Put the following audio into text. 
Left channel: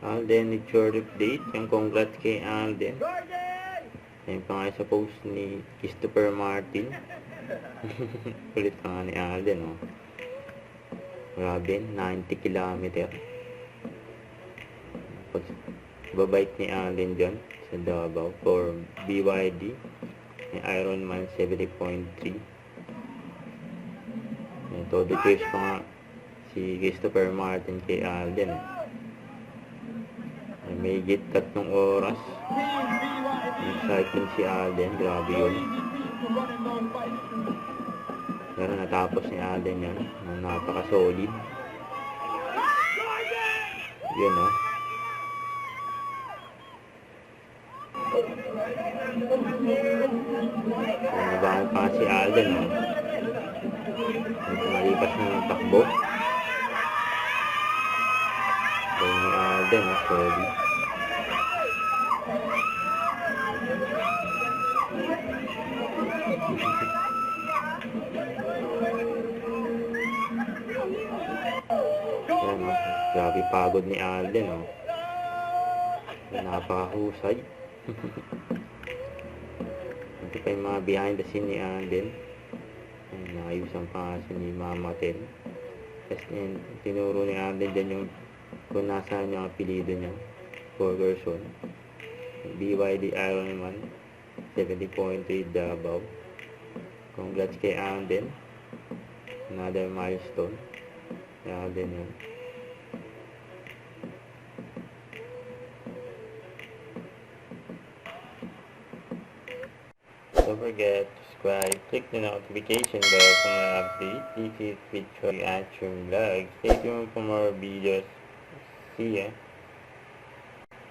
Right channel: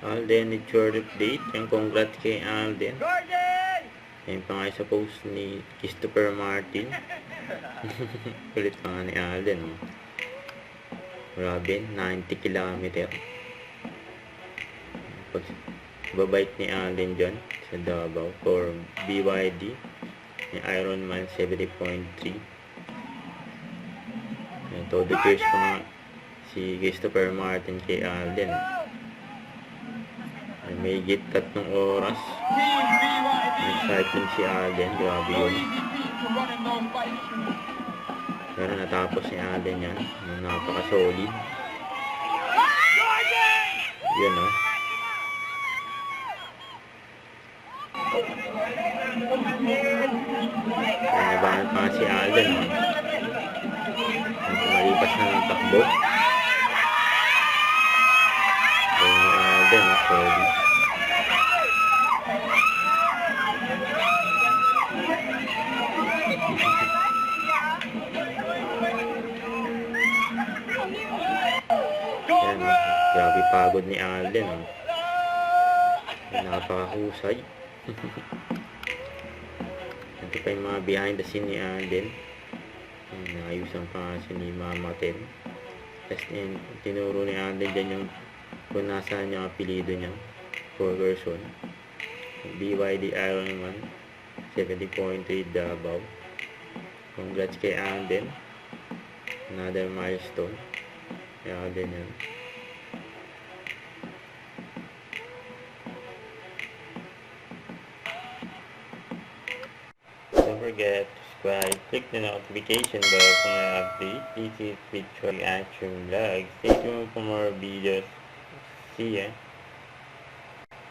Alden, it's your update. Yung congrats kay Alden. Ayun pa nga sa post ni Christopher Martin. Kulit pa nga ni Alden, oh. Grabe, 90 km. Babait ni Alden dyan sa Davao for BYD ni Ironman 70.3. Todo cheers pa nga si Christopher Martin kay Alden. May higit 3 oras. Excitement si Alden. Grabe yun. Pero natapos ni Alden yan. Napaka-solid. Yun, oh. Nabahan pa nga si Alden, oh. Nalipas na ng takbo. Ayun ni Alden, oh. Solid. Yan, grabe pagod ni Alden, oh. Napakahusay. Ito pa yung mga behind the scene ni Alden. Naayusan pa nga si ni Mama Ten. Tapos tinuro ni Alden dyan yung kung nasaan yung apelido niya for version. BYD Ironman 70.3 Davao. Congrats kay Alden. Another milestone. Alden yan. Don't forget to subscribe, click the notification bell for more updates. This is Victory Action Vlog. Stay tuned for more videos. See ya.